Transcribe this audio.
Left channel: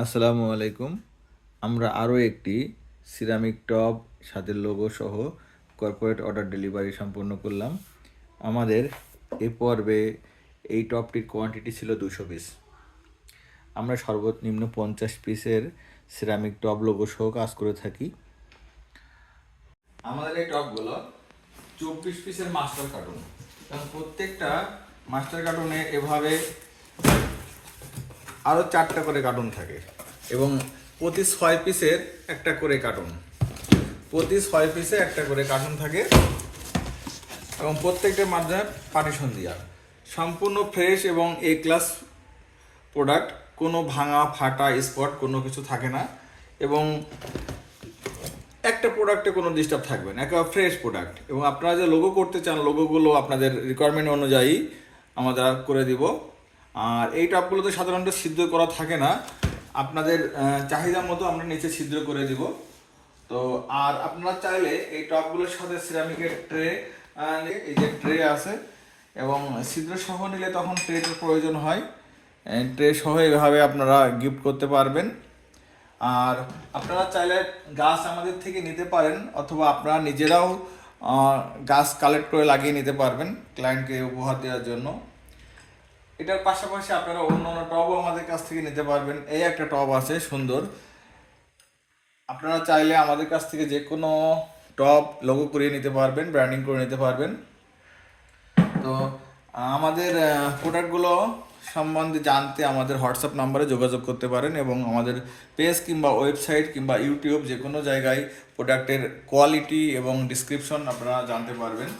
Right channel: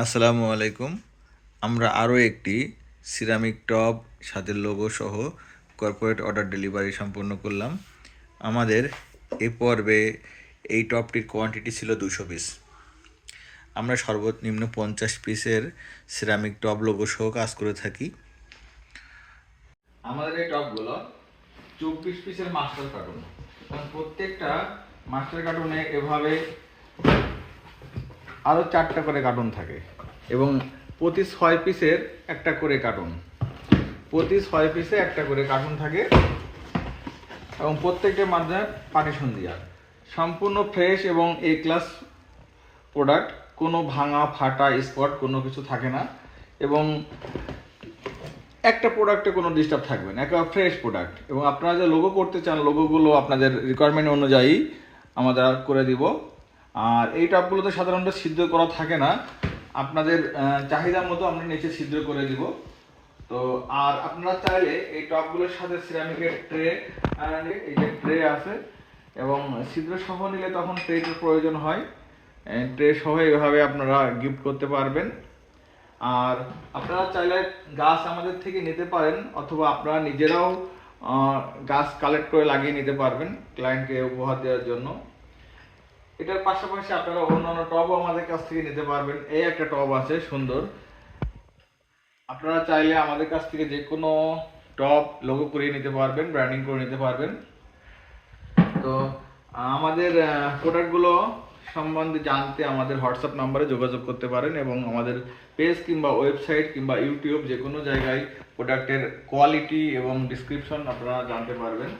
আসসালামু আলাইকুম। আমরা আরও একটি সিরামিক টব সাথে লোগো সহ কর্পোরেট অর্ডার ডেলিভারি সম্পন্ন করলাম। আমাদের এ পর্বে এই টবটির কোয়ান্টিটি ছিল 200 পিস। আমরা সর্বনিম্ন 50 পিসের সিরামিক টব লোগো সহ কাজ করে থাকি। আমাদের এই টবগুলো 24 পিসের মাস্টার কার্টুন, এবং প্রত্যেকটা মাস্টার কার্টুনে এভাবে আরও 4টা করে কার্টুন থাকে, এবং প্রতি 6 পিসের একটা করে কার্টুন, থাকে, এবং প্রত্যেকটার মাধ্যমে পার্টিশন দেওয়া সম্পূর্ণ ফ্রেশ এবং এ ক্লাস প্রোডাক্ট। কোনো ভাঙা ফাটা স্পট কোনো কিছু থাকে না, এবং একটা প্রোডাক্টে কোনো ডিস্টার্ব থাকবে না, একেবারে ফ্রেশ প্রোডাক্ট। এবং আপনারা যে লোগো করতে চান, লোগোগুলো আপনাদের রিকোয়ারমেন্ট অনুযায়ী আমরা করে দিব। আর এই টবগুলোতে সাধারণত ছিদ্র করা থাকে না, আপনাদের চাহিদা মতো আমরা নিচে ছিদ্র করে দিব। তো আর আপনারা চাইলে এই টবগুলোর সাথে সিরামিকের ট্রে, এই যে ট্রে আছে, এবং ছিদ্র সহ নিলে তখন ট্রের প্রয়োজন হয়। ট্রে সহ এইভাবে আপনারা গিফট করতে পারবেন। আর আপনারা চাইলে গাছ আমাদের থেকে নিতে পারেন, অথবা আপনারা নিজেরাও গাছ কালেক্ট করে লাগিয়ে নিতে পারবেন ক্লায়েন্টকে উপহার দেওয়ার জন্য। এটার পাশাপাশি আপনারা অন্যান্য টবও আমাদের কাছ থেকে নিতে পারবেন। এই একটা টব আছে সুন্দর, আপনারা চাইলে আমাদের কাছ থেকে যে কোনো টব লোগো করিয়ে নিতে পারবেন, ব্র্যান্ডিং করে নিতে পারবেন। তো আমাদের প্রোডাক্টগুলো সম্বন্ধে জানতে আমাদের হোয়াটসঅ্যাপ নাম্বারে যোগাযোগ করতে পারেন, এবং আমাদের পেজ কিংবা ওয়েবসাইট কিংবা ইউটিউব যে কোনো জায়গায় প্রোডাক্টের কোয়ালিটি এবং ডিসক্রিপশন আপনারা জানতে পারবেন।